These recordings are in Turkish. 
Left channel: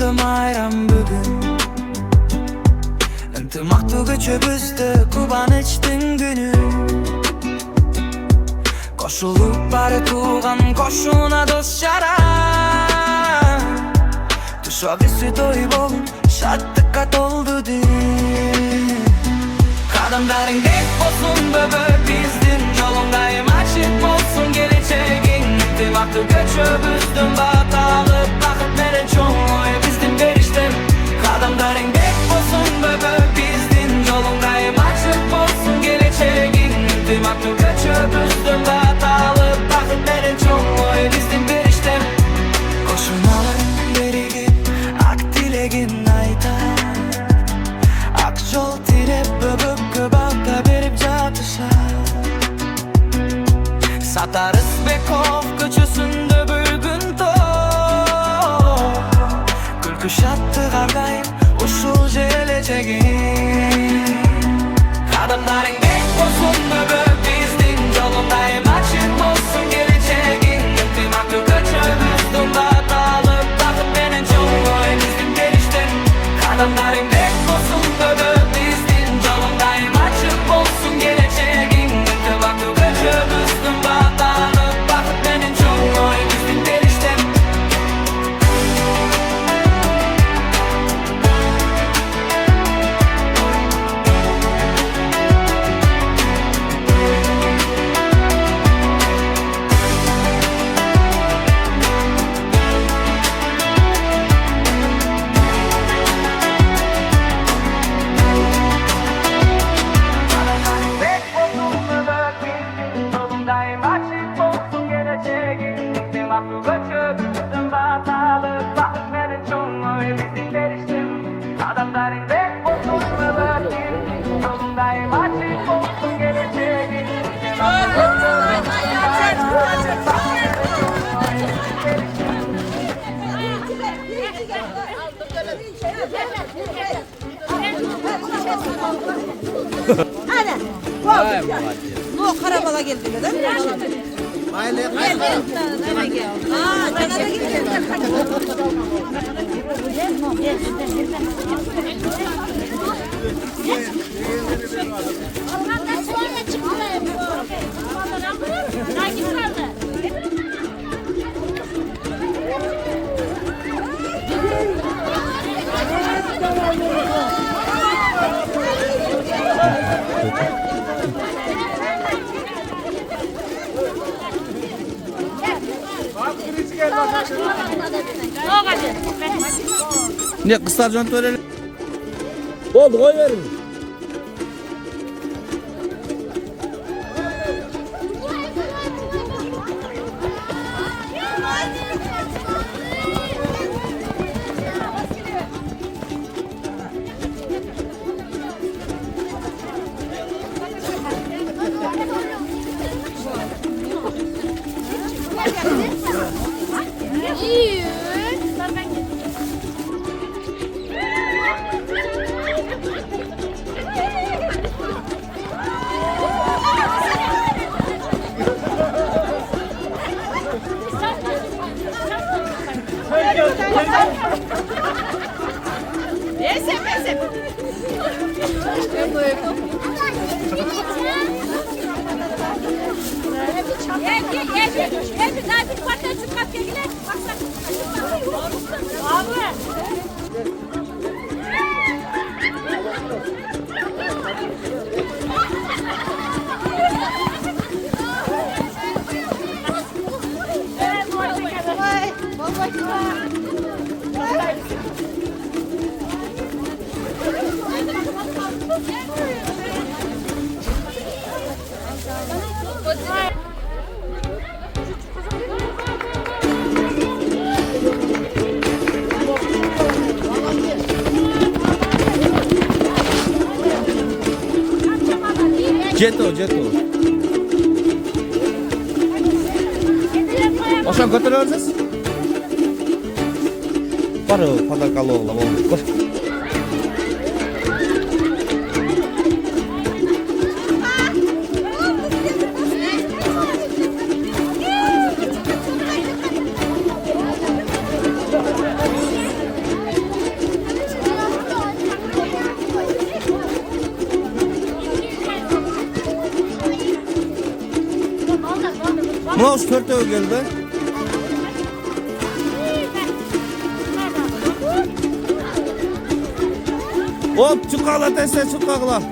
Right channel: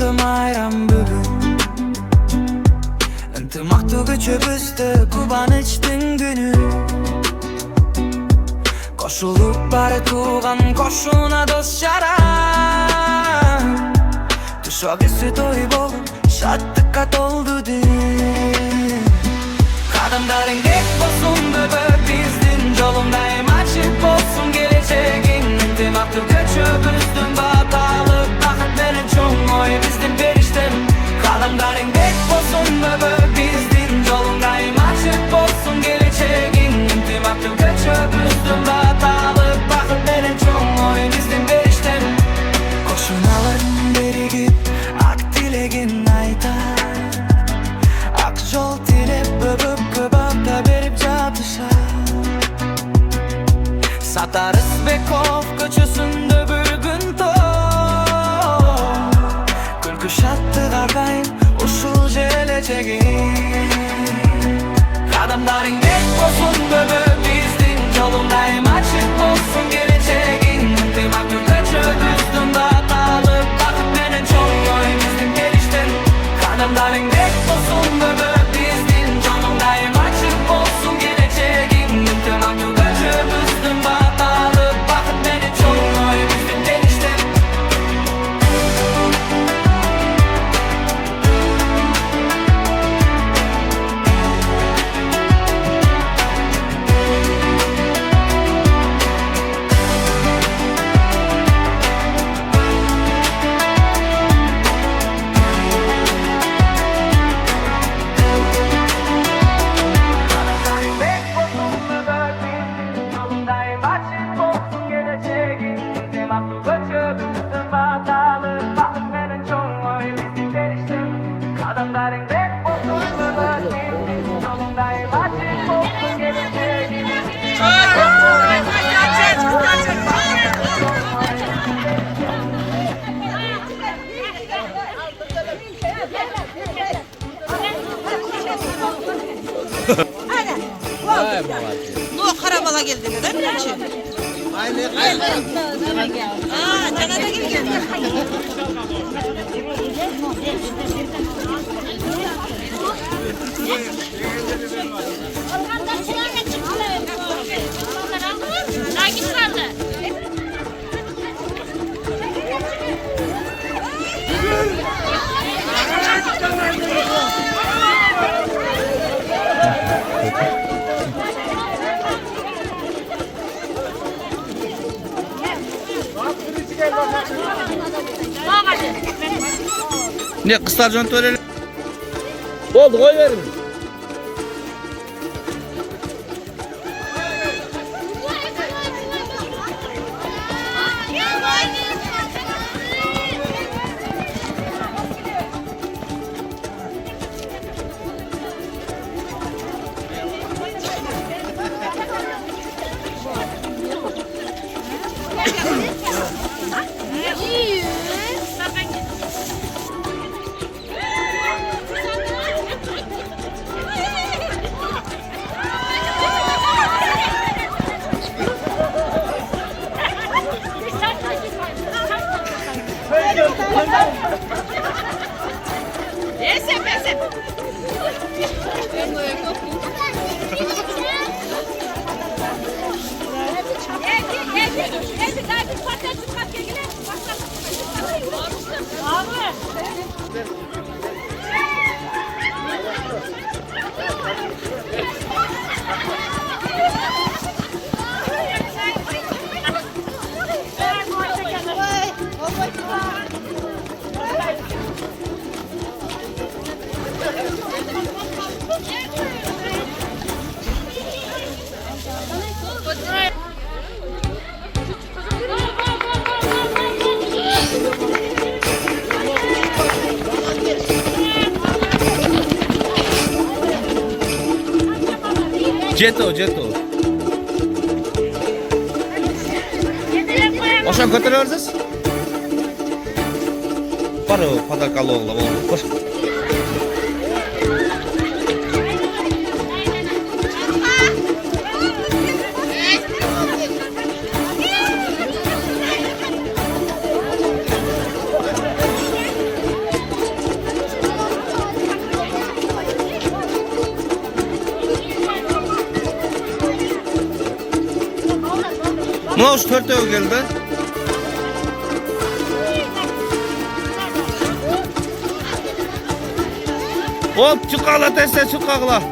Döndüm ayran bugün Intimoqtu göçübüzdü Kubanıçtın günü Koşulup bari tuğan koşuna dost şara Tuşogisi toy bolup şattıkka toldu din Kadamdaring dek bolsun bebe bizdin Jolundayım açık bolsun geleceğin Intimoqtu göçübüzdün batalıp Bakıp menen çoğun oy bizdin beriştem Kadamdaring dek bolsun bebe bizdin Jolundayım açık bolsun geleceğin Intimoqtu göçübüzdün batalıp Bakıp menen çoğun oy bizdin beriştem Koşunalarım berigip ak dilegin aytar Ak jol tilep böbüp kıbalta berip jatışar Satarız Bekov köçüsünde bugün to Külkü şattı gardayım usul jeleceğin Kadamdaring dek bolsun bebe bizdin Jolundayım açık bolsun geleceğin Intimoqtu göçübüzdün batalıp Bakıp menen çoğun oy bizdin beriştem Kadamdaring dek bolsun bebe bizdin Jolundayım açık bolsun geleceğin Intimoqtu göçübüzdün batalıp Bakıp menen çoğun oy bizdin beriştem Intimoqtu göçübüzdün batalıp Bakıp menen çoğun oy bizdin beriştem Kadamdaring dek bolsun bebe bizdin Jolundayım açık bolsun geleceğin Intimoqtu göçübüzdün batalıp Bakıp menen çoğun oy bizdin beriştem No karabala geldi değil mi? Aynen. Ha, Canada gibi geldi. Orhan'dan çayırla çıktı. Takip kaldı. Ne kısar can törelim. Oldu koy verin. Jeto. Oşan götürüyoruz. Var o padakalı oğlan. Koş. Mına şu törtöv geldi. Hop çıkakla dese çıkakla.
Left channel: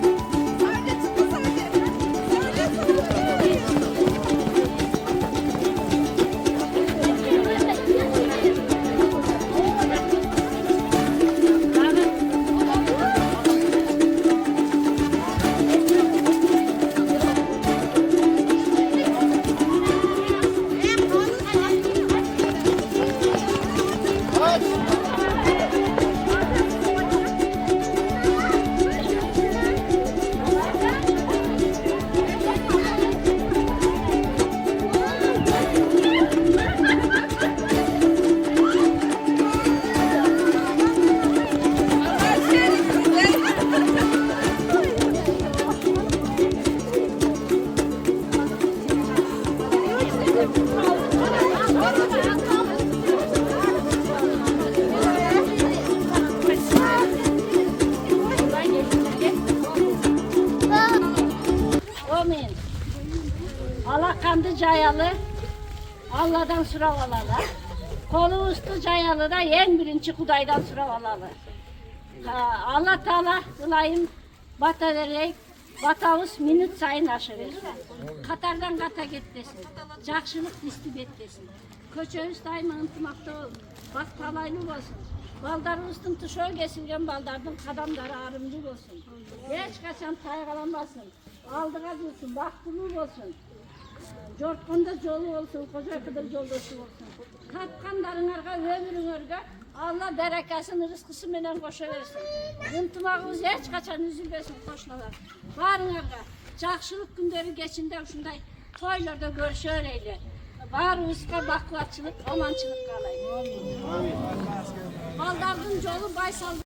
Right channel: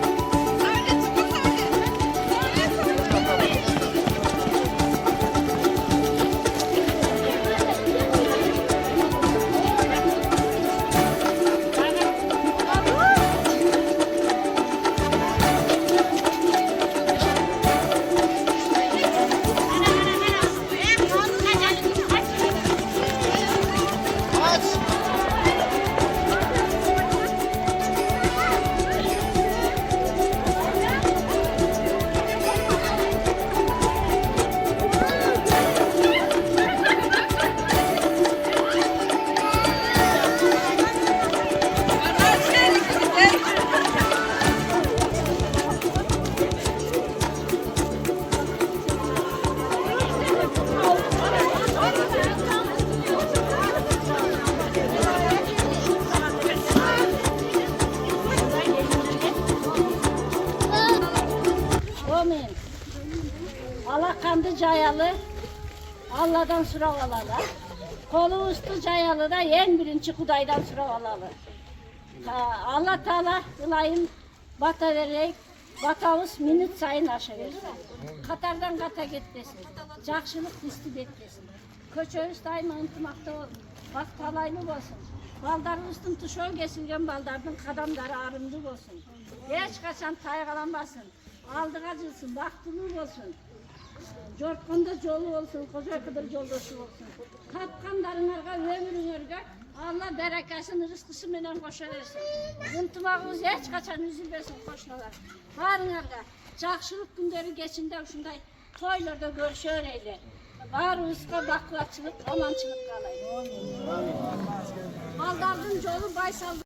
Amin. Allah kandı cayalı, Allah'dan sıralalı. Kolu üstü cayalı da en birinci Kuday'dan sıralalı. Allah Teala ılayım bata vererek, batavuz minut sayın aşırısı. Katardan kata gitmesin, cakşılık distip etmesin. Köçöğüz daima ıntımakta olun, bak talaylı olsun. Baldarın üstün tuşu geçirgen baldardın kadamları arımcı olsun. Geç kaçan taygalanmasın. Aldı acılsın, baktılığı olsun. Jortkonda yolu olsun, koca kadar yoldosu olsun. Kapkanların arka, ömrün arka, Allah berekasını, rızkısı menen koşa versin. Intımağımız hiç kaçan üzülmesin koşnalar. Varın arka, cakşılık günleri geçinde şunday toylarda görüşür eyle. Var ıska baklatçılık, amançılık kalayım. Baldardın yolu baysal.